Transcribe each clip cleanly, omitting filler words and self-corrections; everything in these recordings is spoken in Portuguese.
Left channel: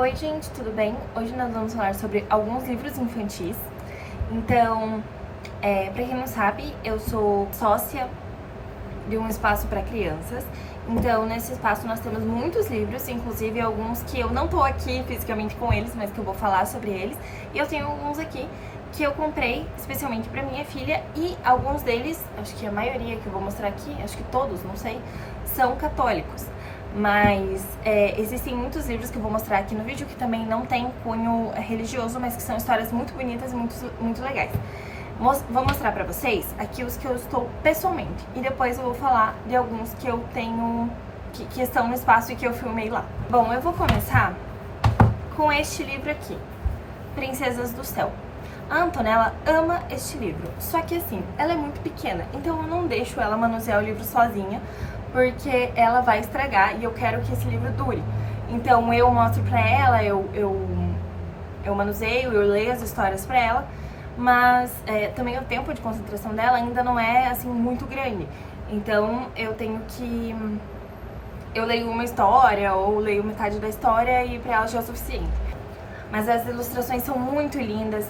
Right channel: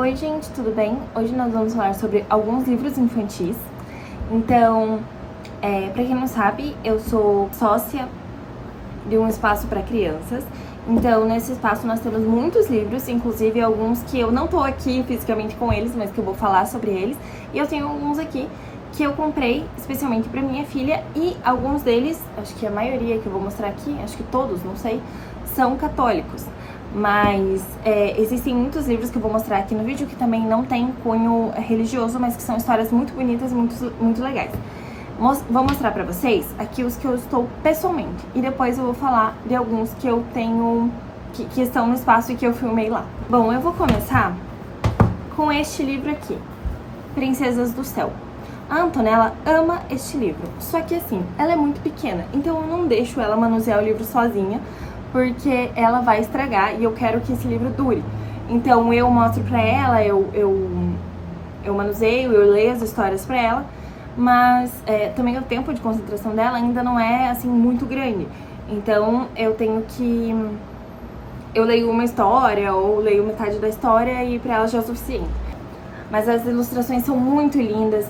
Oi gente, tudo bem? Hoje nós vamos falar sobre alguns livros infantis. Então, pra quem não sabe, eu sou sócia de um espaço para crianças. Então, nesse espaço nós temos muitos livros, inclusive alguns que eu não tô aqui fisicamente com eles, mas que eu vou falar sobre eles. E eu tenho alguns aqui que eu comprei especialmente para minha filha, e alguns deles, acho que a maioria que eu vou mostrar aqui, acho que todos, não sei, são católicos. Mas existem muitos livros que eu vou mostrar aqui no vídeo que também não tem cunho religioso, mas que são histórias muito bonitas e muito legais. Vou mostrar pra vocês aqui os que eu estou pessoalmente, e depois eu vou falar de alguns que eu tenho, que estão no espaço e que eu filmei lá. Bom, eu vou começar com este livro aqui, Princesas do Céu. A Antonella ama este livro, só que assim, ela é muito pequena, então eu não deixo ela manusear o livro sozinha, porque ela vai estragar e eu quero que esse livro dure. Então eu mostro pra ela, eu manuseio, eu leio as histórias pra ela, mas também o tempo de concentração dela ainda não é assim muito grande. Então eu tenho que... eu leio uma história ou leio metade da história e pra ela já é o suficiente. Mas as ilustrações são muito lindas.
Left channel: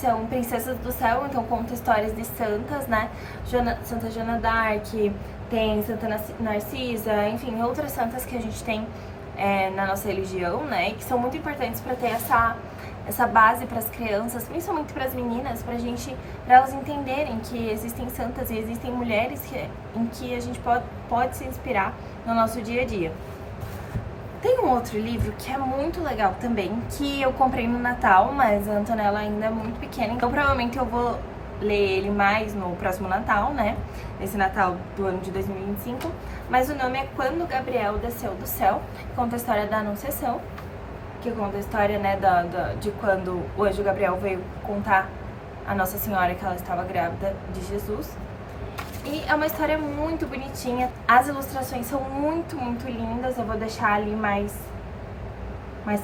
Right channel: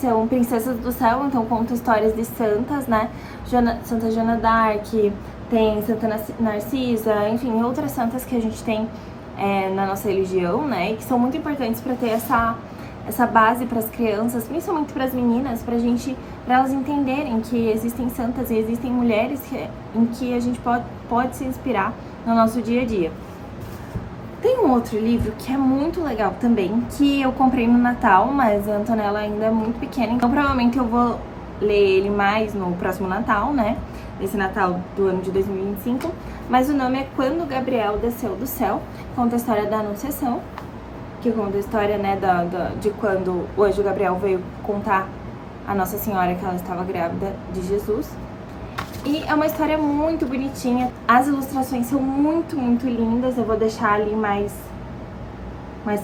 São Princesas do Céu, então conta histórias de santas, né? Santa Joana d'Arc, tem Santa Narcisa, enfim, outras santas que a gente tem na nossa religião, né? E que são muito importantes para ter essa base para as crianças, principalmente para as meninas, para elas entenderem que existem santas e existem mulheres em que a gente pode se inspirar no nosso dia a dia. Tem um outro livro que é muito legal também, que eu comprei no Natal, mas a Antonella ainda é muito pequena, então provavelmente eu vou ler ele mais no próximo Natal, né? Nesse Natal do ano de 2025. Mas o nome é Quando Gabriel Desceu do Céu. Conta a história da Anunciação, que conta a história, né, de quando o anjo Gabriel veio contar a Nossa Senhora que ela estava grávida de Jesus. E é uma história muito bonitinha. As ilustrações são muito lindas. Eu vou deixar ali mais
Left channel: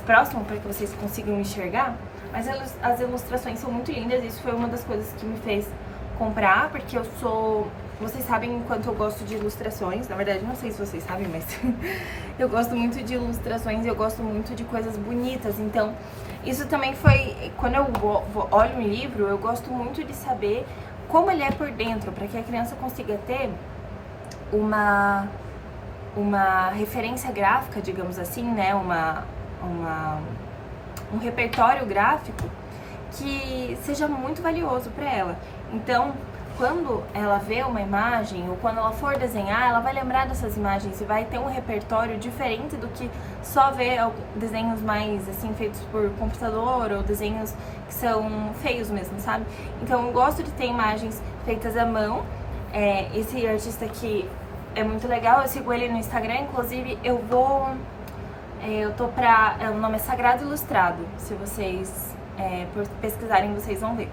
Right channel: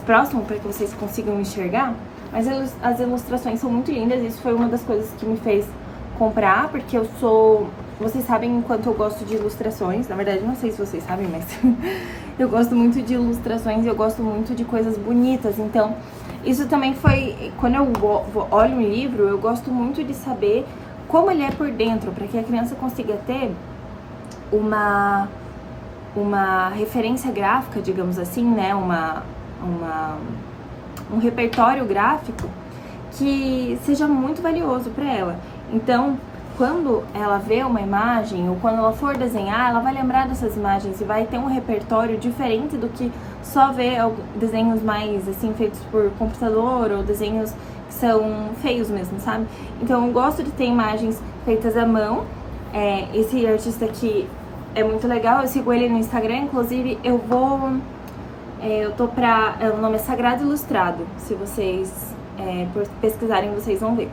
próximo para que vocês consigam enxergar. Mas as ilustrações são muito lindas. Isso foi uma das coisas que me fez comprar, porque eu sou... Vocês sabem o quanto eu gosto de ilustrações. Na verdade, não sei se vocês sabem, mas eu gosto muito de ilustrações e eu gosto muito de coisas bonitas. Então, isso também foi... Quando eu olho um livro, eu gosto muito de saber como ele é por dentro, para que a criança consiga ter uma referência gráfica, digamos assim, né? Um repertório gráfico que seja muito valioso para ela. Então, quando ela vê uma imagem ou quando ela for desenhar, ela vai lembrar dessas imagens e vai ter um repertório diferente do que só ver desenhos mais assim feitos por computador ou desenhos que são feios mesmo, sabe? Então eu gosto de ter imagens feitas à mão. Esse artista aqui é muito legal, eu sigo ele no Instagram, inclusive o nome é Sagrado Ilustrado, se vocês pesquisarem vocês vão ver.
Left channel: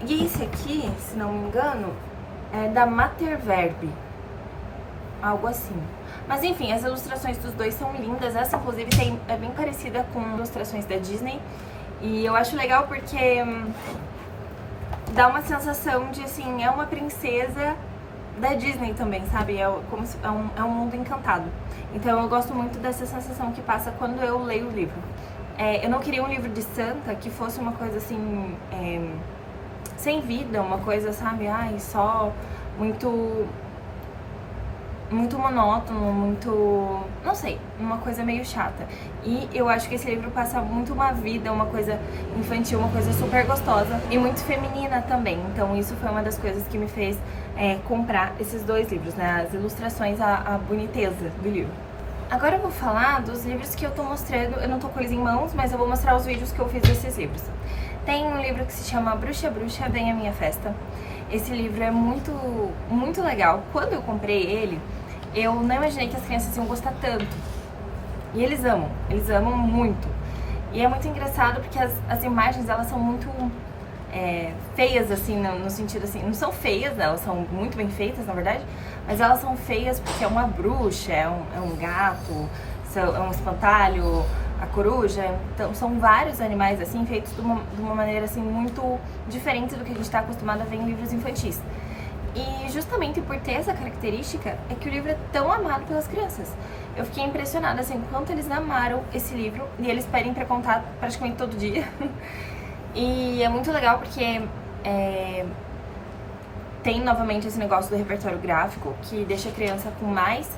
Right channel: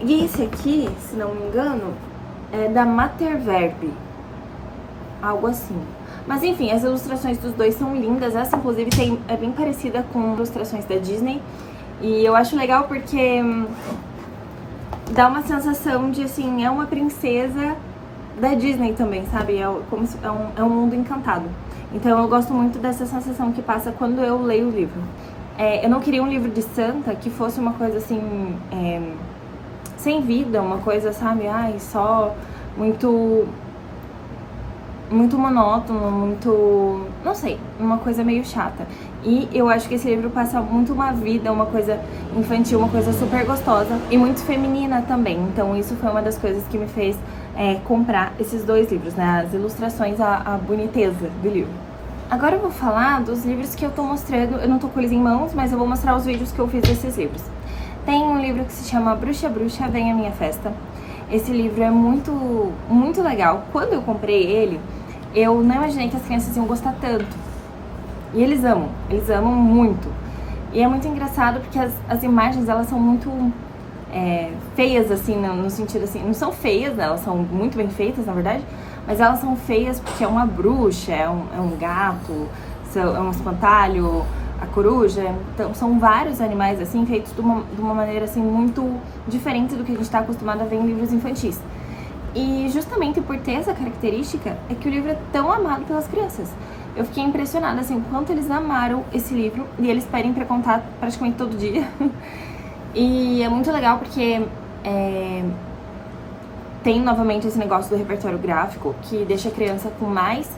E esse aqui, se não me engano, é da Materverb, algo assim. Mas enfim, as ilustrações dos dois são lindas. Essa inclusive é bem parecida com ilustrações da Disney. E eu acho legal porque dá uma sensação de assim, é uma princesa da Disney também, sabe? É um mundo encantado. Então eu gosto muito dessa sensação que passa quando eu leio o livro. Eu não queria um livro de santa que fosse uma coisa assim... sem vida, uma coisa, sabe, só muito monótono, não sei, uma coisa meio chata. E eu acho que esse livro passa muito uma vida, uma coisa infantil, uma coisa super gostosa e muito feminina também. Então isso foi uma das coisas que me fez comprar esses dois livros, né, as ilustrações, a boniteza do livro. Agora eu vou falar dos livros que eu tô mostrando, eu não tô com eles em mãos, mas eu vou mostrar os vídeos que eu fiz desses livros. Tem um livro que se chama Bruxa, Bruxa, Vem à Minha Festa. Esse livro é muito legal. Quando eu comprei ele, eu não imaginei que as crianças iam gostar tanto. E eles amam muito. E é muito engraçado porque as imagens, elas são muito feias, assim, no sentido assim, não são feias, né? Elas são muito bem feitas, na verdade, mas elas são feias porque é uma bruxa, é um gato, é um espantalho, a coruja. Então são vários animais assim feitos de uma maneira assim muito diferente do que a gente está acostumado a ver em livros infantis. E justamente por ter essa característica é que o livro é tão amado pelas crianças. Eu fiquei impressionada, assim, o quanto eles amaram esse livro e eles pedem pra contar praticamente todo dia. E é muito legal porque tem novamente esse negócio do repertório gráfico que deixa a criança com mais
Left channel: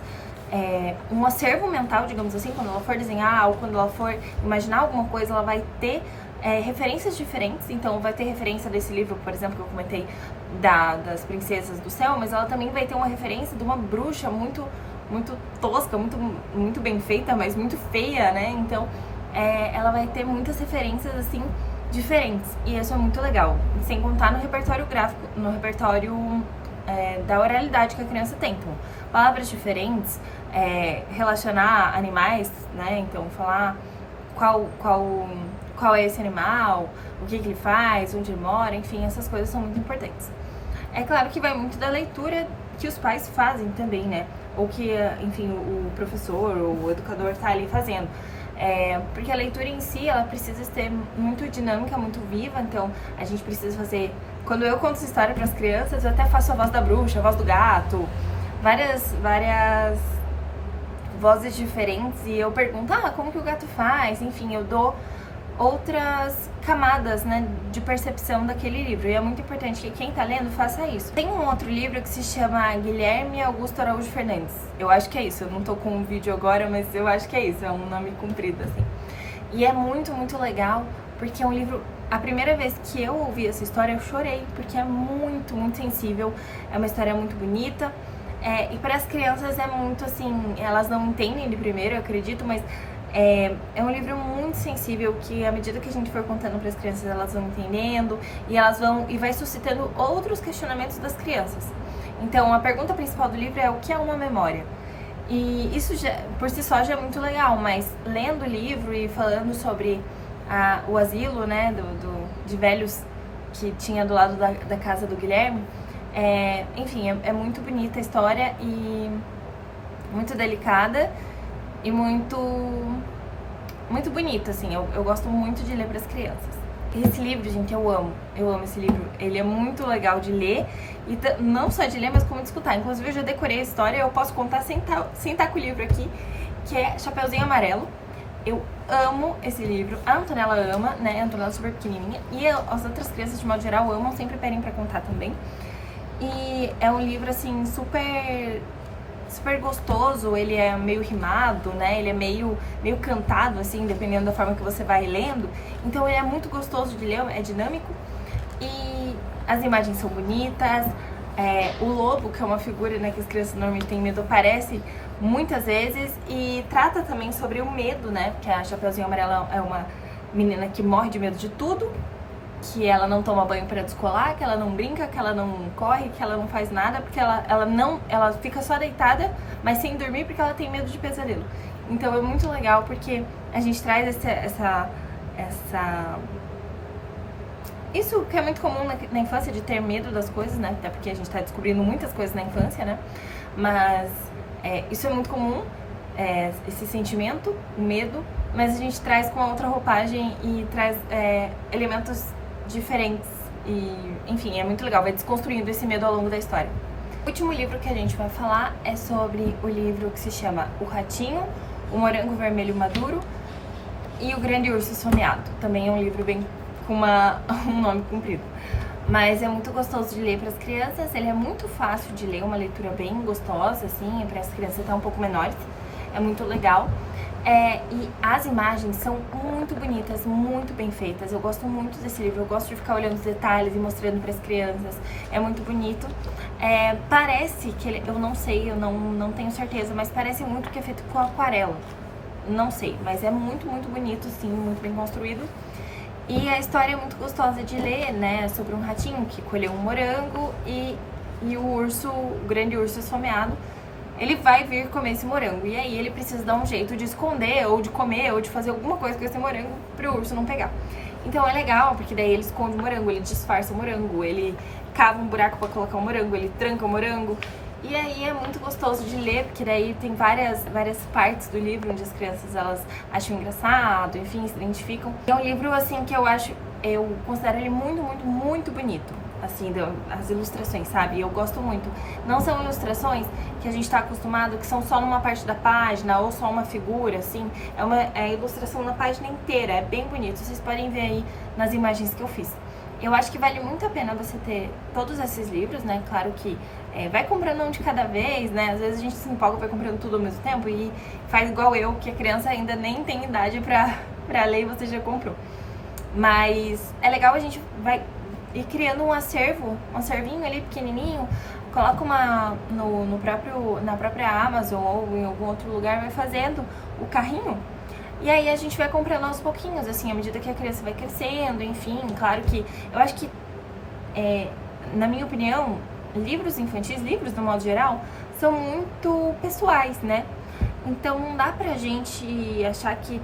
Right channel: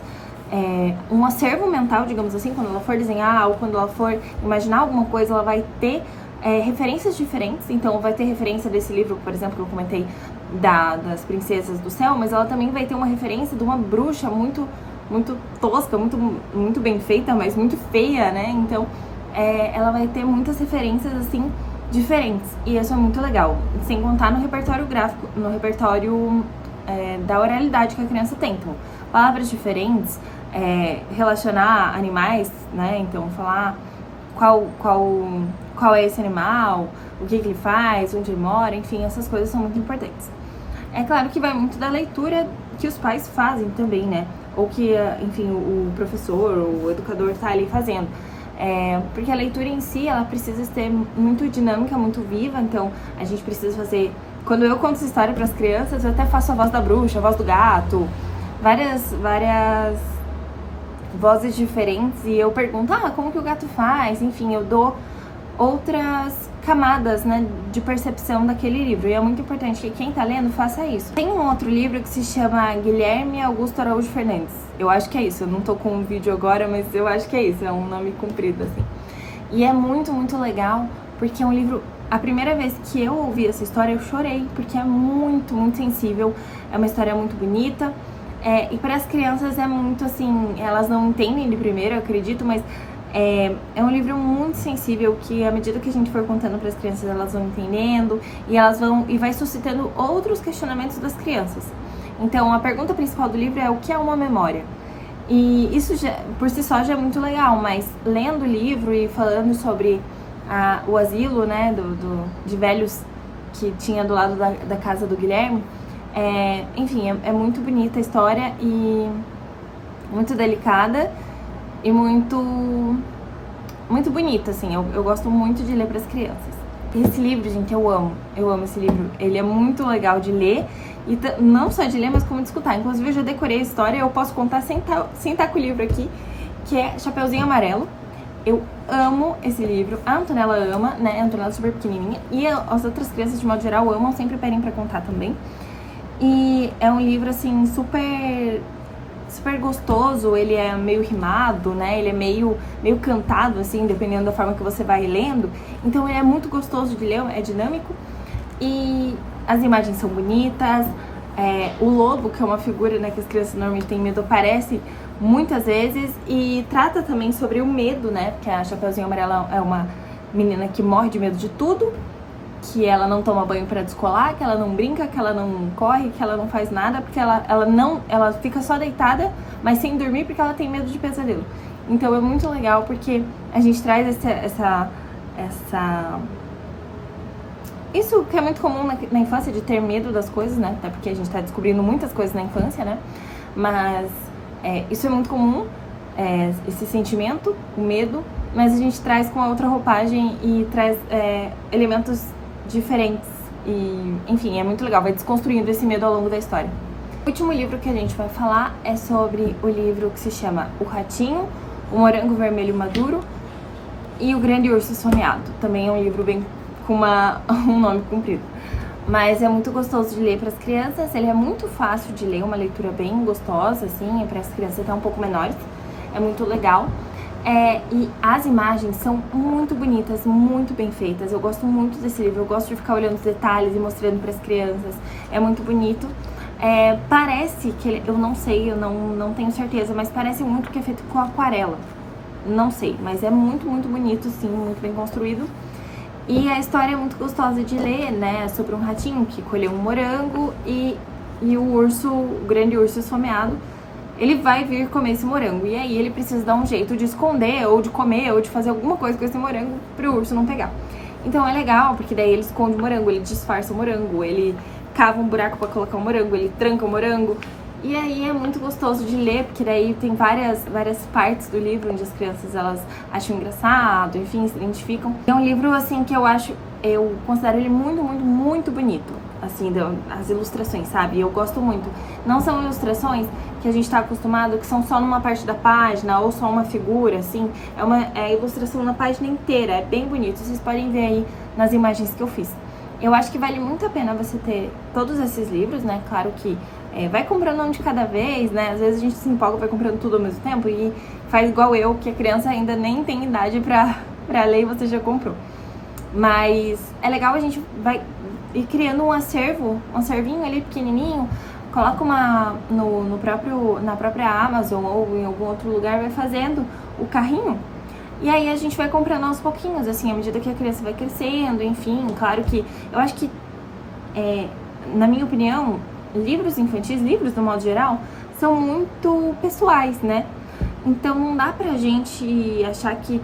um acervo mental, digamos assim, quando ela for desenhar ou quando ela for imaginar alguma coisa, ela vai ter referências diferentes. Então vai ter referência desse livro, por exemplo, que eu comentei das Princesas do Céu, mas ela também vai ter uma referência de uma bruxa muito tosca, muito bem feita, mas muito feia, né? Então ela vai ter muitas referências assim diferentes, e isso é muito legal, sem contar no repertório gráfico, no repertório da oralidade que a criança tem. Então, palavras diferentes, relacionar animais, né? Então, falar qual é esse animal, o que ele faz, onde ele mora, enfim, essas coisas são muito importantes. É claro que vai muito da leitura que os pais fazem também, né? Ou que, enfim, o professor ou o educador tá ali fazendo. Porque a leitura em si, ela precisa ser muito dinâmica, muito viva, então a gente precisa fazer... Quando eu conto essa história para as crianças, eu até faço a voz da bruxa, a voz do gato, várias vozes diferentes, e eu pergunto, como que o gato faz? Enfim, eu dou outras camadas, né, de percepção daquele livro, e é muito importante que quem tá lendo faça isso. Tem um outro livro que se chama Guilherme Augusto Araújo Fernandes, eu acho que é isso, eu não tô com um vídeo agora, mas eu acho que é isso, é um nome comprido, assim. E é muito legal, porque é um livro... A primeira vez que eu ouvi essa história, eu chorei, porque é muito sensível, é uma história muito bonita, e para as crianças é muito assim, elas não entendem de primeiro, eu acredito, mas é um livro muito sensível que, à medida que a gente for contando para as crianças, elas vão entendendo e vai suscitando outros questionamentos das crianças. Então, a pergunta principal do livro é: o que é uma memória? E isso já, por si só já é muito legal, mas lendo o livro e falando sobre o asilo, né, de velhos que tinha do lado da casa do Guilherme, enfim, é muito bonita a história e muito delicada e muito bonita, assim. Eu gosto muito de ler para as crianças. Esse livro, gente, eu amo esse livro. Ele é muito legal de ler, e não só de ler, mas como de escutar. Inclusive, eu já decorei a história, eu posso contar sem tá com o livro aqui, que é Chapeuzinho Amarelo. Eu amo esse livro, a Antonella ama, né? A Antonella é super pequenininha, e as outras crianças, de modo geral, amam, sempre pedem pra contar também. E é um livro, assim, super gostoso, ele é meio rimado, né? Ele é meio cantado, assim, dependendo da forma que você vai lendo. Então ele é muito gostoso de ler, é dinâmico. E as imagens são bonitas. O lobo, que é uma figura, né, que as crianças normalmente têm medo, aparece muitas vezes. E trata também sobre o medo, né? Porque a Chapeuzinho Amarelo é uma menina que morre de medo de tudo, que ela não toma banho pra descolar, que ela não brinca, que ela não corre, que ela não faz nada, porque ela fica só deitada, mas sem dormir, porque ela tem medo de pesadelo. Então é muito legal, porque a gente traz isso que é muito comum na infância, de ter medo das coisas, né? Até porque a gente tá descobrindo muitas coisas na infância, né? Mas isso é muito comum, esse sentimento, o medo, mas a gente traz com a outra roupagem e traz elementos diferentes e, enfim, é muito legal, vai desconstruindo esse medo ao longo da história. O último livro que a gente vai falar é sobre o livro que se chama O Ratinho, o Morango Vermelho Maduro e o Grande Urso Esfomeado. Também é um livro bem com um nome comprido, mas é muito gostoso de ler para as crianças. Ele é muito fácil de ler, uma leitura bem gostosa, assim, para as crianças até um pouco menores, é muito legal. E as imagens são muito bonitas, muito bem feitas. Eu gosto muito desse livro, eu gosto de ficar olhando os detalhes e mostrando para as crianças. É muito bonito. Parece que eu não sei, eu não tenho certeza, mas parece muito que é feito com aquarela. Não sei, mas é muito bonito, sim, muito bem construído. E a história é muito gostosa de ler, né? É sobre um ratinho que colheu um morango e o grande urso esfomeado, ele vai vir comer esse morango. E aí ele precisa dar um jeito de esconder, ou de comer, ou de fazer alguma coisa com esse morango pro urso não pegar. Então é legal, porque daí ele esconde o morango, ele disfarça o morango, ele cava um buraco pra colocar o morango, ele tranca o morango. E aí é muito gostoso de ler, porque daí tem várias partes do livro onde as crianças elas acham engraçado, enfim, se identificam. É um livro assim que eu considero ele muito bonito, assim, as ilustrações, sabe? Eu gosto muito. Não são ilustrações que a gente tá acostumado, que são só numa parte da página ou só uma figura, assim. É ilustração na página inteira, é bem bonito. Vocês podem ver aí nas imagens que eu fiz. Eu acho que vale muito a pena você ter todos esses livros, né? Claro que vai comprando um de cada vez, né? Às vezes a gente se empolga, vai comprando tudo ao mesmo tempo e faz igual eu, que a criança ainda nem tem idade pra ler e você já comprou. Mas é legal, a gente vai ir criando um servinho ali pequenininho, coloca na própria Amazon ou em algum outro lugar, vai fazendo o carrinho. E aí a gente vai comprando aos pouquinhos, assim, à medida que a criança vai crescendo, enfim. Claro que eu acho que, na minha opinião, livros infantis, livros do modo geral, são muito pessoais, né? Então não dá pra gente achar que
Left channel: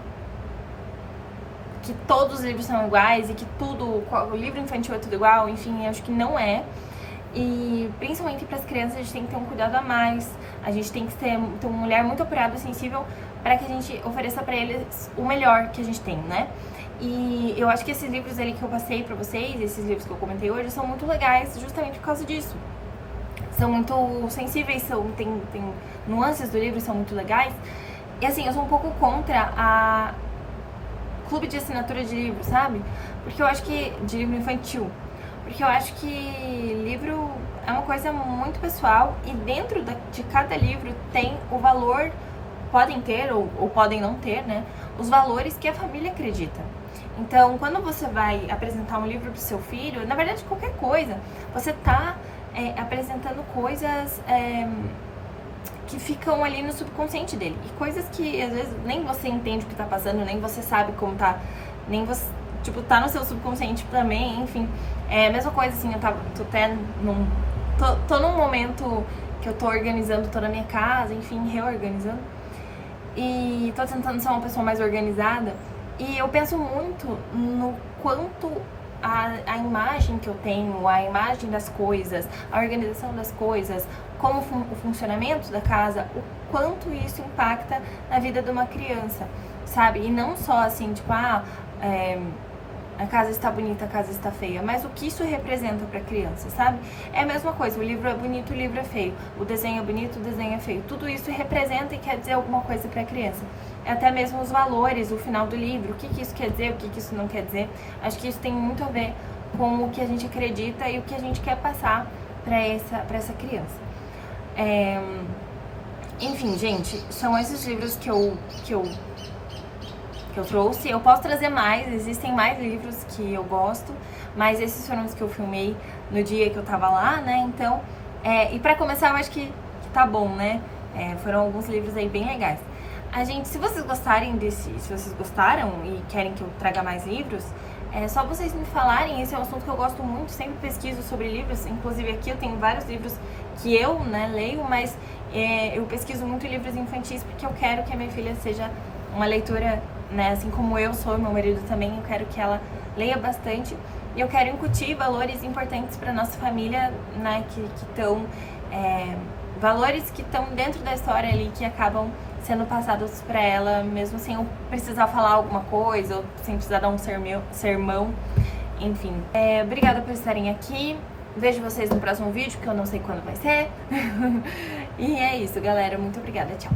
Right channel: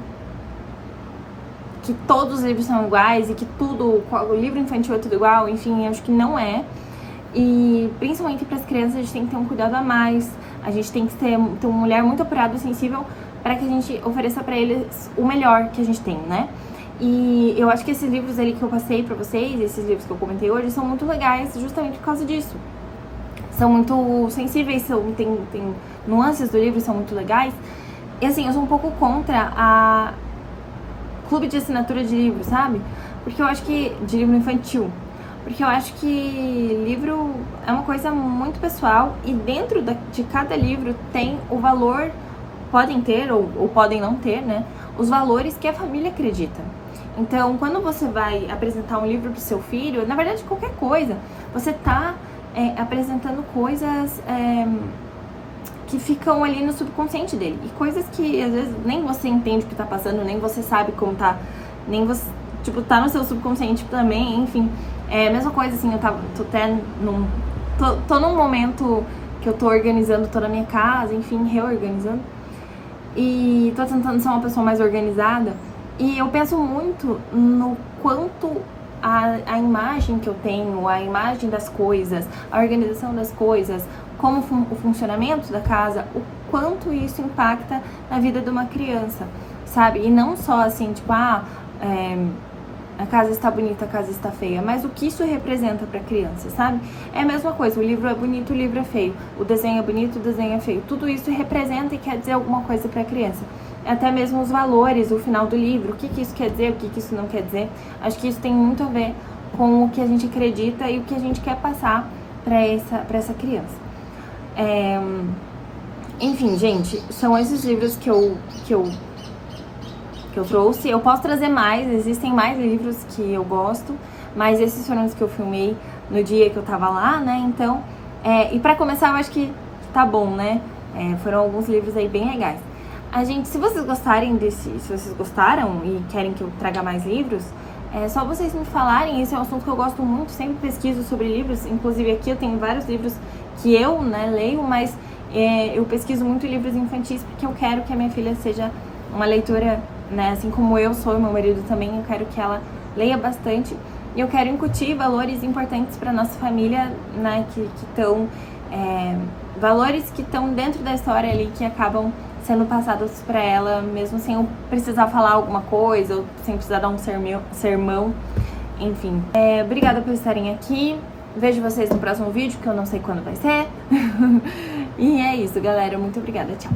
todos os livros são iguais e que o livro infantil é tudo igual, enfim, acho que não é. E principalmente para as crianças a gente tem que ter um cuidado a mais, a gente tem que ter um olhar muito apurado e sensível para que a gente ofereça para eles o melhor que a gente tem, né? E eu acho que esses livros ali que eu passei para vocês, esses livros que eu comentei hoje, são muito legais justamente por causa disso. São muito sensíveis, tem nuances do livro, são muito legais. E assim, eu sou um pouco contra a clube de assinatura de livro, sabe? Porque eu acho que... de livro infantil. Porque eu acho que livro é uma coisa muito pessoal e dentro de cada livro tem o valor, podem ter ou podem não ter, né? Os valores que a família acredita. Então, quando você vai apresentar um livro pro seu filho, na verdade qualquer coisa, você tá apresentando coisas que ficam ali no subconsciente dele. E coisas que às vezes nem você entende o que tá passando, nem você sabe como tá, nem você, tipo, tá no seu subconsciente também, enfim. É a mesma coisa, assim, tô num momento que eu tô organizando toda a minha casa, enfim, reorganizando. E tô tentando ser uma pessoa mais organizada. E eu penso muito no quanto a imagem que eu tenho, a imagem das coisas, a organização das coisas, como o funcionamento da casa, o quanto isso impacta na vida de uma criança, sabe? E não só assim, tipo, a casa está bonita, a casa está feia, mas o que isso representa para a criança, sabe? É a mesma coisa, o livro é bonito, o livro é feio, o desenho é bonito, o desenho é feio. Tudo isso representa e quer dizer alguma coisa para a criança. Até mesmo os valores, o final do livro, o que isso quer dizer, o que isso não quer dizer. Acho que isso tem muito a ver com o que a gente acredita e o que a gente quer passar para essa criança. Enfim, gente, são esses livros que eu trouxe. Eu posso trazer mais, existem mais livros que eu gosto, mas esses foram os que eu filmei no dia que eu tava lá, né? Então, e pra começar, eu acho que tá bom, né? Foram alguns livros aí bem legais. Se vocês gostarem se vocês gostaram e querem que eu traga mais livros, é só vocês me falarem. Esse é um assunto que eu gosto muito, sempre pesquiso sobre livros, inclusive aqui eu tenho vários livros que eu, né, leio, mas eu pesquiso muito livros infantis porque eu quero que a minha filha seja uma leitora, né, assim como eu sou, meu marido também, eu quero que ela leia bastante e eu quero incutir valores importantes para nossa família, né, que estão valores que estão dentro da história ali, que acabam sendo passados para ela, mesmo sem eu precisar falar alguma coisa, ou sem precisar dar um sermão, enfim. Obrigada por estarem aqui, vejo vocês no próximo vídeo, que eu não sei quando vai ser. E é isso, galera, muito obrigada, tchau!